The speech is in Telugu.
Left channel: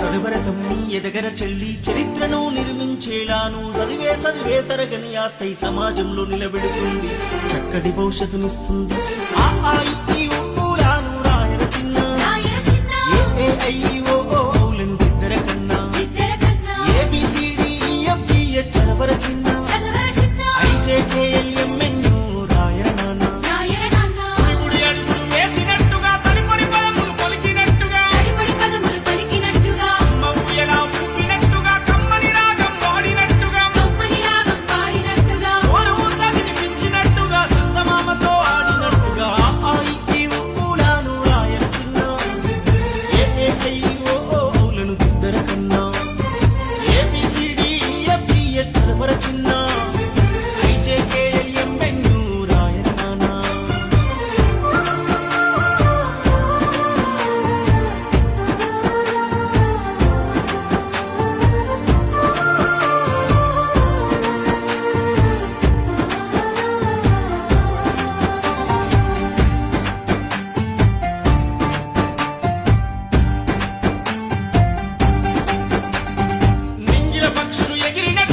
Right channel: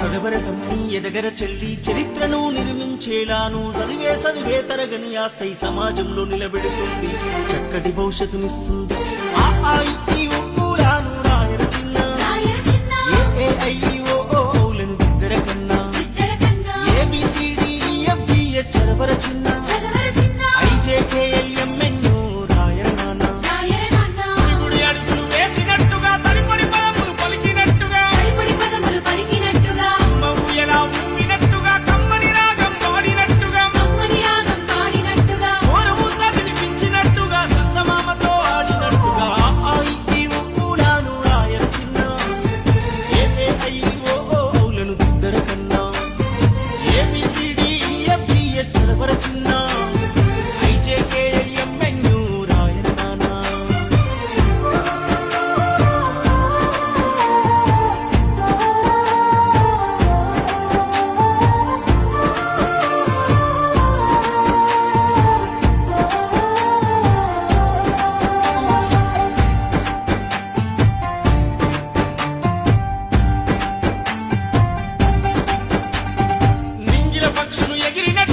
సదవరతమ్మి ఎదగర చెల్లి చరిత్రను నిర్మించేలాను చదివే తరగని ఆస్తై సమాజంలో నిలబెడుతుంది, చక్కటి భవిష్యత్తునిస్తుంది. ఆ ఊలాను రాయర చిన్న, ఏఐఓలను దిద్దర కన్నా, ABCDEFGH చదవర చిన్న, IJKLMNO రాయర నాన్న. గుడి అడుగులు వేసినట్టుగా తడిపడి పదములు పలికినట్టుగా, అమ్మ ఊయలా ఊపినట్టుగా, కమ్మని రాగం వాడినట్టుగా, ఓరుముద్ద తినిపించినట్టుగా, సందమామతో ఆడినట్టుగా. ఊలాను రాయర చిన్న, ఏఐఓలను దిద్దర కన్నా, ABCDEFGH చదవర చిన్న, IJKLMNO రాయర నానా. పక్షులు ఎగిరినట్టు